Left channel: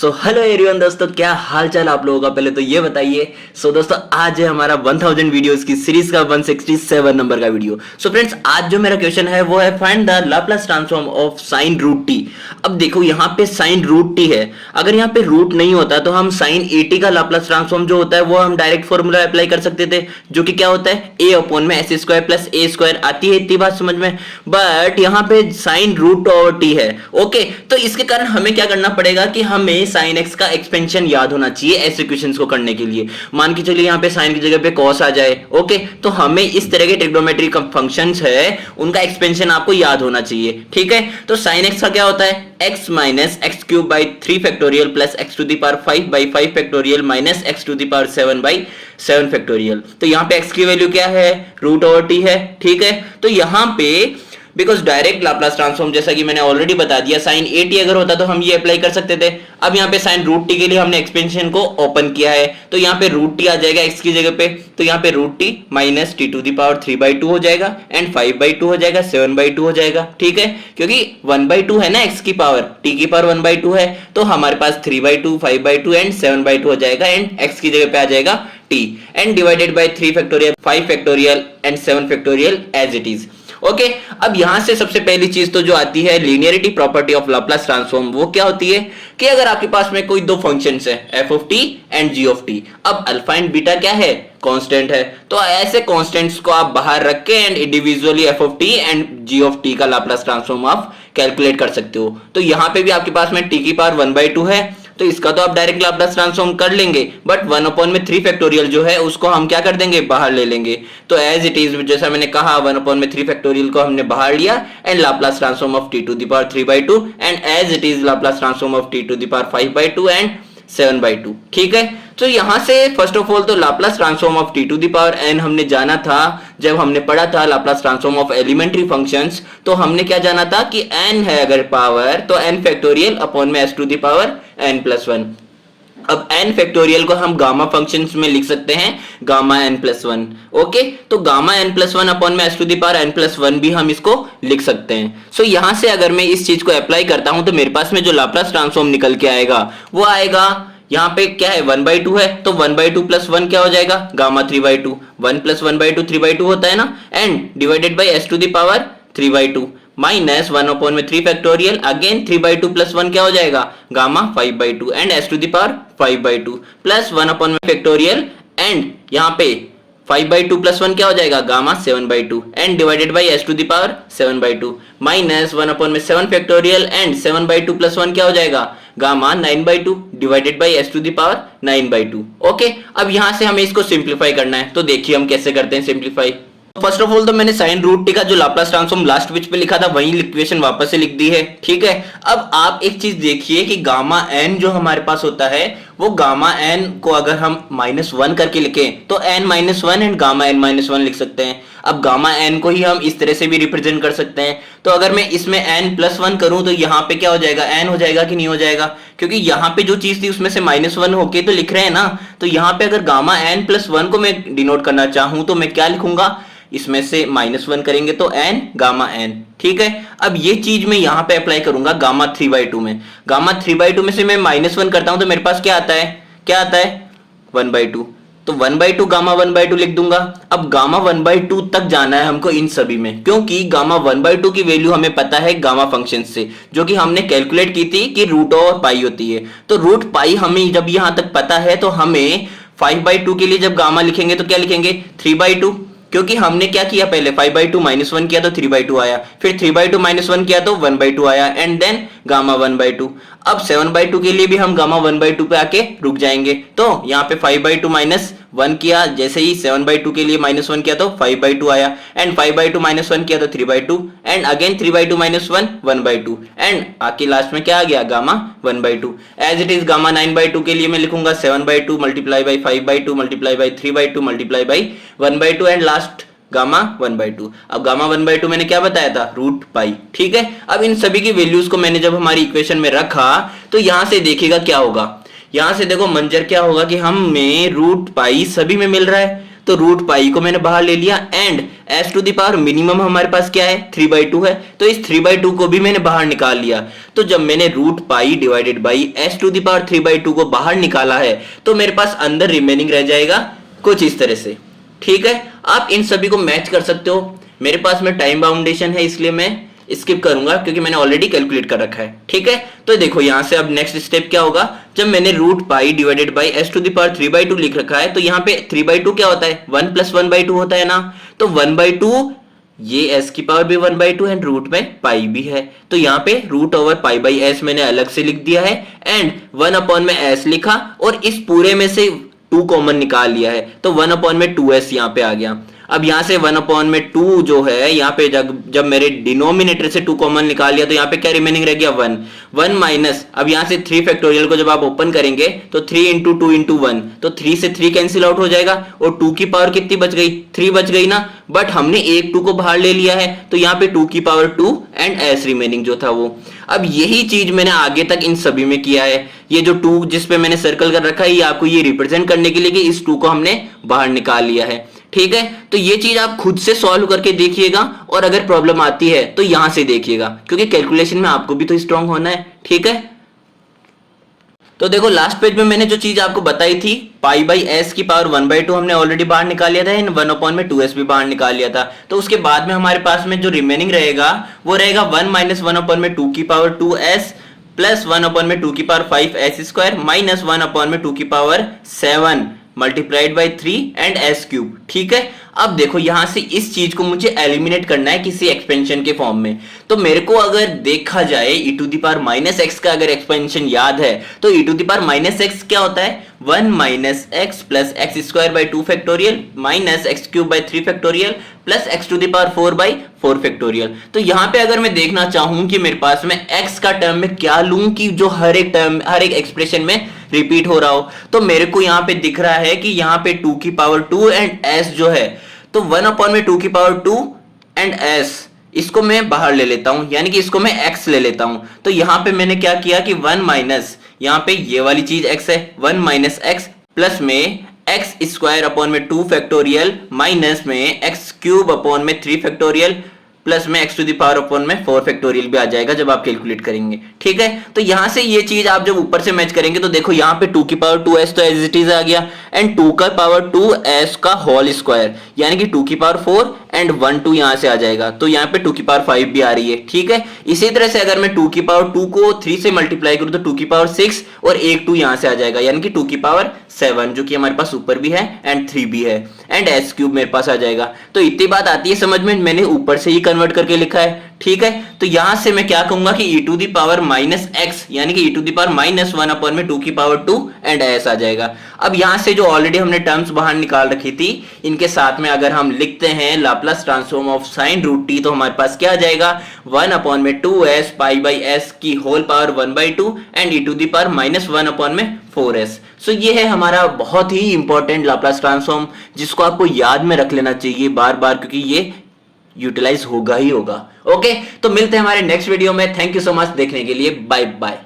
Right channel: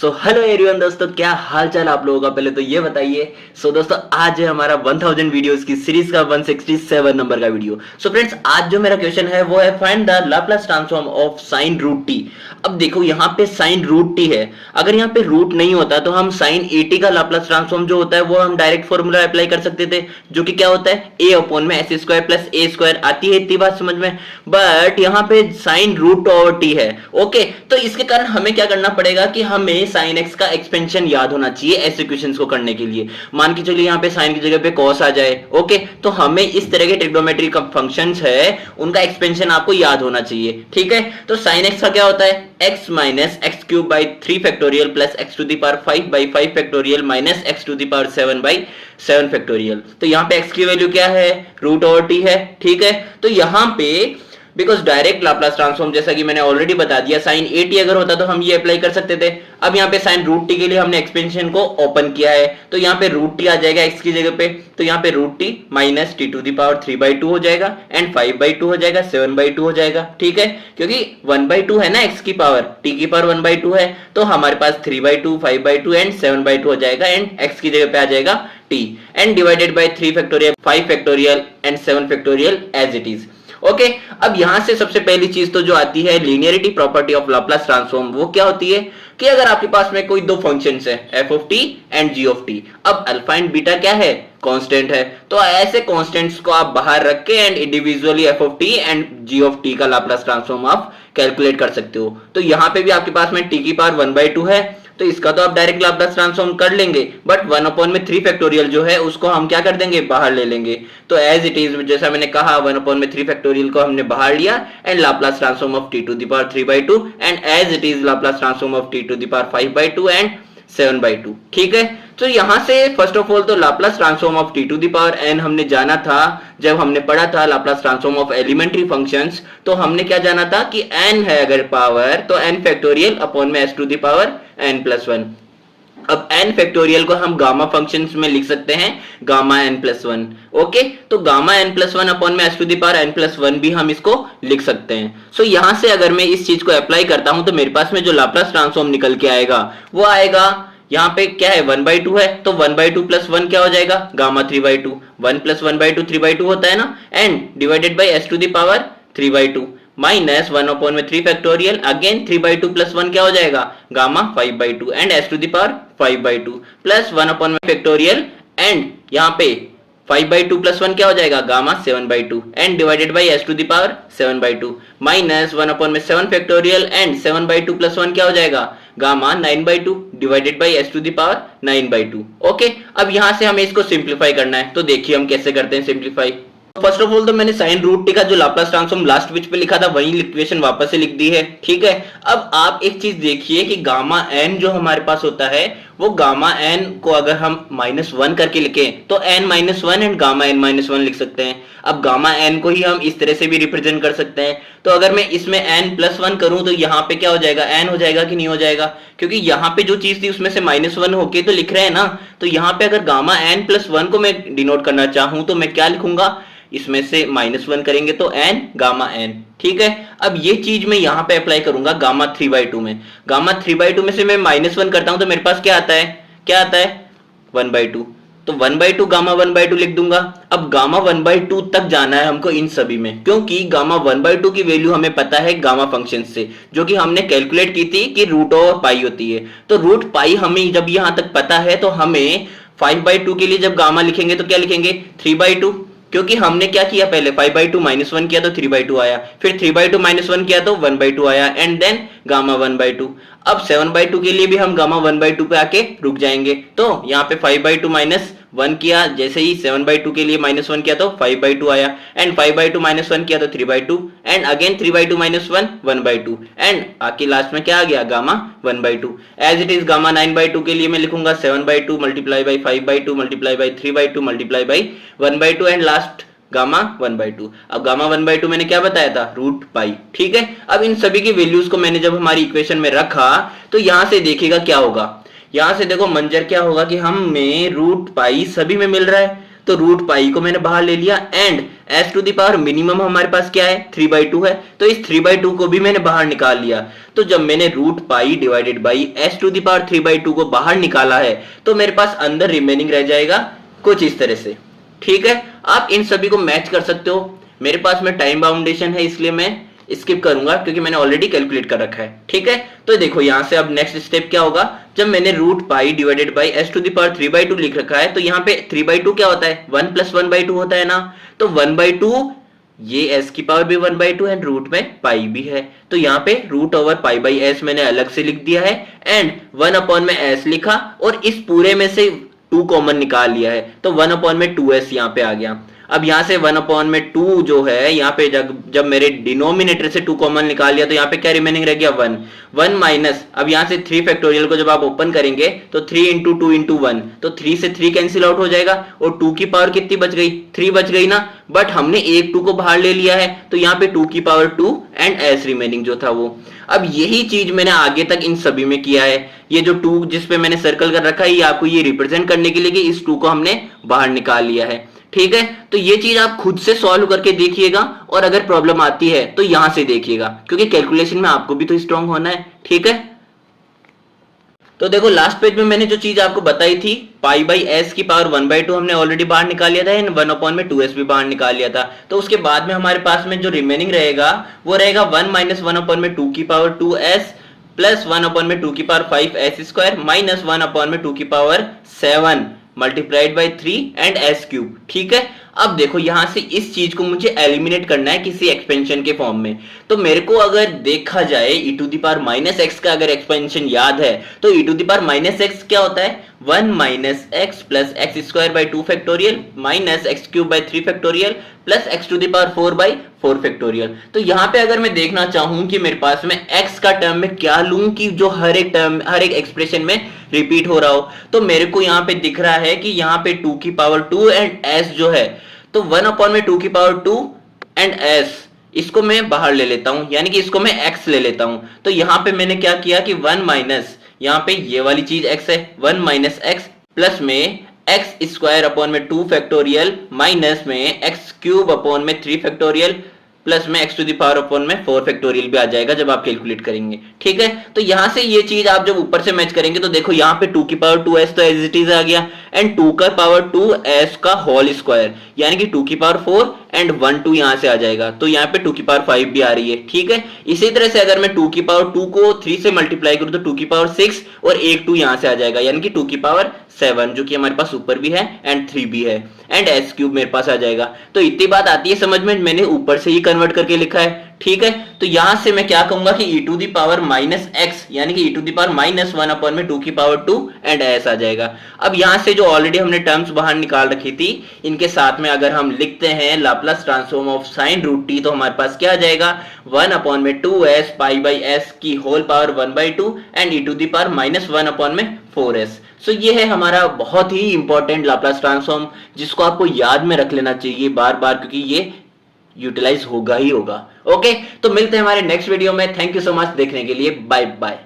So hello everyone दोस्तों, क्या हाल चाल आप लोगों का। पहले तो ये बताइए। दोस्तों आज है हमारा 1000 वीडियोस की सीरीज का 167 नंबर का वीडियो। फ्रेंड्स, आज जो मेरा क्वेश्चन है वो है find the Laplace transform of sine root T. अब देखो यहाँ पे साइन रूट टी है, अगर यहाँ पे रूट नहीं होता तो हम साइन ए टी का लाप्लास ट्रांसफॉर्म जो होता है वो हम डायरेक्ट फॉर्मूला अप्लाई कर सकते थे, जो कि क्या होता है ए अपॉन में एस स्क्वायर प्लस ए स्क्वायर। आती है इतनी बात समझ में। बट यहाँ पे साइन रूट ओवर टी है। ओके, तो इसके कारण हमें क्या करना पड़ेगा कि हमें साइन एक्स का एक्सपेंशन याद होना चाहिए ऐसे इक्वेशंस को करने के लिए। मान के चलिए यहाँ पे साइन की जगह पे कॉस आ जाए। ओके, तो हमें इस तरह के ट्रिग्नोमेट्रिक फंक्शंस है उनका एक्सपेंशन आपको याद होना चाहिए। ठीक है, तो साइन एक्स का क्या होता है x minus X cube by 3 factorial plus X to the power 5 by 5 factorial minus X to the power 7 by 7 factorial. तो यहाँ पे x की वैल्यू क्या है, रूट ओवर टी है। ठीक है, तो यहाँ पे बिकॉज डायरेक्ट लाप्लास ट्रांसफॉर्म जैसा कि मैंने ऑलरेडी बता दिया, साइन ए टी अगर होता तो हम ये अप्लाई कर सकते थे। अब यहाँ पे साइन रूट टी के लिए हमने एक्सपेंशन को ओपन किया है, तो यहाँ पे रूट टी आ जाएगा एक्स की जगह पे। तो यहाँ पे root T minus T to the power 3/2 हो जाएगा एंड 5/2 हो जाएगा, 7/2 हो जाएगा। ठीक है, क्योंकि 1/2 है ना एक्स की पावर, टी की पावर 1/2 है, तो हमारे पास 3/2 5/2 एंड 7/2 हो जाएगा एंड एक्स की जगह पे आ जाएगा T and divided by 3 factorial 5 factorial and 7 factorial as it is. Okay, अब यहां से सबसे पहली चीज तो जो आती है linearity property of Laplace transform, वो क्या होती है कि अगर आपके पास में कोई दो फंक्शंस है F of T and G of T, अब अल्फा एंड बीटा क्या है, कांस्टेंट है, तो ऐसे कांस्टेंट्स को आप बाहर रख के and individually F of T and G of T का लाप्लास ट्रांसफॉर्म आप कैलकुलेट कर सकते हो। तो यहां पे भी आपके पास में टी की पावर 1/2 है, तो इसका तो आप डायरेक्ट लाप्लास ट्रांसफॉर्म कर लेंगे, बट 1/3 फैक्टोरियल जो है उसको हम क्या कर देंगे, बाहर ले लेंगे। तो एज इट इज जैसा मैंने कहा 1/3 फैक्टोरियल को हमने बाहर लिया and Laplace transform of T to the power 3/2 and as it is Laplace transform of T to the power 5/2 and 7/2। ठीक है, तो यहां से फर्स्ट ऑफ ऑल तो Laplace transform of T to the power N हमने जाना था। जब हमने पढ़ा था Laplace transform of elementary functions, तो हमने क्या जाना था कि एन है अगर पावर तो एन फैक्टोरियल अपॉन में S to the power N plus 1। अब n फैक्टोरियल को हम गामा फंक्शंस में लिख सकते हैं गामा n प्लस 1। ओके, तो गामा n प्लस 1 अपॉन में S to the power n plus 1 भी हम इसको लिख सकते हैं। सो यहां से अगर मैं इस चीज को अप्लाई करता हूं तो मेरे पास में जो लाप्लास ट्रांसफॉर्म निकल के आएगा वो आएगा, यहाँ पे क्या है 1/2 है, तो 1/2 प्लस 1 क्या हो जाएगा, गामा 3/2। 1 प्लस 1/2 3/2 होता है ना, and divided by s to the power 3/2 minus 1/3 factorial, again 3/2 plus 1 क्या हो जाएगा, gamma 5/2 and s to the power 5/2 plus 1 factorial and यहाँ पे 5/2 प्लस 1 क्या हो जाएगा, gamma 7/2 and divided by s to the power 7/2 minus 1/7 factorial and 7/2 plus 1 क्या हो जाएगा, gamma 9/2 divided by s to the power 9/2। Okay, अब यहां से हमें इसको सिंप्लीफाई करना है, तो देखिए हम कैसे करते हैं सिंप्लीफाई। फर्स्ट ऑफ ऑल तो मैंने साइन रूट टी का जो लाप्लास ट्रांसफॉर्म लास्ट पेज पे लिखा था वही इक्वेशन वापस से लिख दी है। ठीक है, अब आप एक चीज देखिए कि गामा एन जो हमारे पास होता है वो गामा एन को अगर हम -1 करके लिखें तो n -1 एंड गामा n -1 लिख सकते हैं। अब गामा एन को ही हम इस तरह से भी रिप्रेजेंट कर सकते हैं, तो अगर मैं इसमें n प्लस 1 करूं तो यहाँ पे क्या हो जाएगा, n हो जाएगा कि नहीं हो जाएगा, क्योंकि यहाँ पे जो चीज थी उसमें से -1 होके तो लिख रहे हैं ना। तो यहाँ पे अगर गामा n प्लस 1 को मैं डिनोट करना चाहूं तो मैं क्या लिखूंगा, इसमें से -1 करेंगे तो n गामा n। ठीक है, अब ये चीज मैं यहां पे अप्लाई करूंगा गामा 3/2 में। गामा 3/2 में से मैं -1 करता हूं तो मेरे पास क्या आता है, क्या आता है 1/2, तो 1/2 गामा 1/2 लिख दूंगा। अब गामा 1/2 तक जाना है हमको इन सभी में, क्योंकि गामा 1/2 की वैल्यू हमें पता है गामा फंक्शन से, जो कि हमने कैलकुलेट की थी कि रूट ओवर पाई होती है। तो रूट पाई हमें जब यहां तक पता है तो हमें 5/2 के लिए जब गामा लिखेंगे तो क्या लिखेंगे 3/2, क्योंकि हमने क्या किया पहले 5/2 -1 किया तो 3/2 आया, फिर 3/2 -1 किया तो 1/2 आया एंड देन गामा 1/2। अब 7/2 के लिए भी हम गामा 1/2 पे आके रुक जाएंगे, तो यहाँ पे 5/2 -1 किया, जैसे ही 7/2 के लिए -1 किया तो 5/2 आया एंड 5/2 -1 किया तो 3/2 एंड अगेन 3/2 -1 1/2 एंड आके लास्ट में क्या आ गया, gamma 1/2। As it is gamma 9/2 के लिए मैं लिखूंगा 7/2 multiply by 5/2 multiply by 3/2 multiply by 1/2 and last gamma 1/2। अब गामा 1/2 मैंने क्या बताया था, रूट पाई। ठीक है, अब इन सभी की वैल्यूज को मैंने जब हमारी इक्वेशन में रखा तो यहां से देखिएगा क्या होगा, यहां से देखो मंजर क्या होगा कि हमें रूट पाई सभी में मिल रहा है, तो रूट पाई को मैंने बाहर ले लिया and s to the power minimum हमारे पास क्या है 3/2 है, तो इस 3/2 को भी मैंने बाहर निकाल लिया। तो जब मैंने root pi divided by s to the power 3/2 को बाहर निकाला है तो मेरे पास अंदर रिमेनिंग रह जाएगा कुछ इस तरह से। ठीक है, आप इन सभी को मैच कर सकते हो। मेरे पास में टाइम बाउंडेशन है इसलिए मैं स्किप करूंगा क्योंकि मैंने ऑलरेडी कैलकुलेट कर रखा है। ठीक है, तो देखो यहां से अब नेक्स्ट स्टेप क्या होगा, जब मैंने root pi divided by s to the power 3/2 लिख रखा है तो यहाँ पे 3/2 क्या होता है 1 + 1/2 होता है ना, तो 1/2 ये एस की पावर भी 1/2 एंड रूट में पाई भी है, तो यहाँ पे root over pi by s मैंने अलग से लिख दिया है एंड 1 में एस लिखा और इस पूरे में से 2 कॉमन निकाल लिया है, तो 1/2s यहाँ पे आ गया। अब यहां से 1/2 जो है यहाँ पे जब मेरे डिनोमिनेटर से 2 कॉमन निकाल लिया तो यहाँ पे क्या रिमेनिंग रह गया 1 माइनस, अब यहां से 3 फैक्टोरियल को जब आप ओपन करेंगे तो 3 × 2 × 1, तो 3 से 3 कैंसिल आउट हो जाएगा और 2 की पावर कितनी बच गई 3 बच गई ना, बट हमने एक 2 को बाहर ले लिया है तो यहाँ पे 2 की पावर 2 एंड एस रिमेनिंग जो था वो। अब यही चीज मैंने आगे तक इन सभी में किया है, ये जो 2 जिस पे मैंने सर्कल कर रखा है ये आपको ये रिप्रेजेंट करने के लिए कि इस 2 को हमने बाहर निकाल लिया है। ठीक है, तो ये चीज आप खुद से सॉल्व करके देखिएगा और अगर प्रॉब्लम आती है तो यहां से देखिएगा क्योंकि कैलकुलेशन में आपको भी तो स्ट्रांग होना है। ठीक है, तो देखो लास्ट पेज में मैंने जो चीज आपको बताई थी पाई बाई एस की पावर 1/2 हमने ऑलरेडी बाहर निकाल लिया था एंड 1/2s भी बाहर निकाल लिया था, तो उसके बाद में हमारे पास में जो रिमेनिंग रहेगा वो रहेगा 1 - 1/2 की पावर 2s प्लस 1/2 की पावर 5s² माइनस 1/2 की power 7 multiplied by 3 and s³। ठीक है, अब देखो यहां से इस चीज को मुझे एलिमिनेट करना है किसी एक्सपेंशन के फॉर्म में, तो मेरे को अगर देखा जाए e to the power -x का अगर एक्सपेंशन याद है तो e to the power -x क्या होता है 1 - x plus x² 2 factorial minus x³ 3 factorial plus x to the power 4/4 factorial. तो यहाँ पे अगर मैं देखना चाहूं कि मेरे पास में x का टर्म में क्या लूं कि जो हर एक टर्म हर एक एक्सप्रेशन में रिपीट हो रहा हो, तो मेरे को यहाँ पे दिख रहा है कि यहाँ पे 2 की पावर 2 एंड s जो है तो 1/2 की पावर 2 एंड s इसको मैं बाहर ले लेता हूं यानी कि इसको मैं x ले लेता हूं, तो यहाँ पे मैंने क्या किया कि 1 माइनस यहाँ पे ये वाली चीज x है 1 - x प्लस में x² 2 फैक्टोरियल माइनस में x³ 3 फैक्टोरियल प्लस में x to the power 4 factorial भी आ जाएगा जब आप कैलकुलेट करेंगे। ठीक है, तो यहां से ये चीज आप जब ऊपर से मैच करेंगे तो देखो यहाँ पे 2 की पावर 2s तो एज इट इज आ गया एंड 2 का पावर 2s का होल स्क्वायर यानी कि 2 की पावर 4 एंड 1 2 यहां से आ जाएगा, तो यहाँ पे 2 की पावर 5 भी आ रही है। ठीक है, इसी तरह से अगर मैं 2 की पावर 2 को 3 से मल्टीप्लाई करूं तो 2 की पावर 6 और एक 2 यहां से आ जाएगा यानी कि 2 की पावर 7 जो कि हमारे पास ऊपर भी है एंड 3 भी है एंड s³ मेरे पास आ जाएगा। तो इतनी बात आती है समझ में, मैंने ऊपर से ही कन्वर्ट करके लिखा है। ठीक है, तो यहां से मैं क्या कहूंगा कि e to the power -x यानी कि e टू द पावर -1/2 की पावर 2 एंड s आ जाएगा। अब यहां से जो ऑलरेडी हमने टर्म्स बाहर निकाल रखी थी इनके साथ में अगर हम लिखते हैं Laplace transform of sin √t तो हमारे पास क्या आ जाएगा 1/2s पाई बाई s की whole power 1/2 and e to the power -1/4s। So ये है हमारा बहुत ही इंपॉर्टेंट लाप्लास ट्रांसफॉर्म जिसको आपको याद में रख लेना चाहिए बार बार क्योंकि ये यूटिलाइज होगा ही होगा। ओके, तो मिलते हैं हमारे नेक्स्ट वीडियो में। थैंक यू सो मच देखने के लिए, बाय बाय।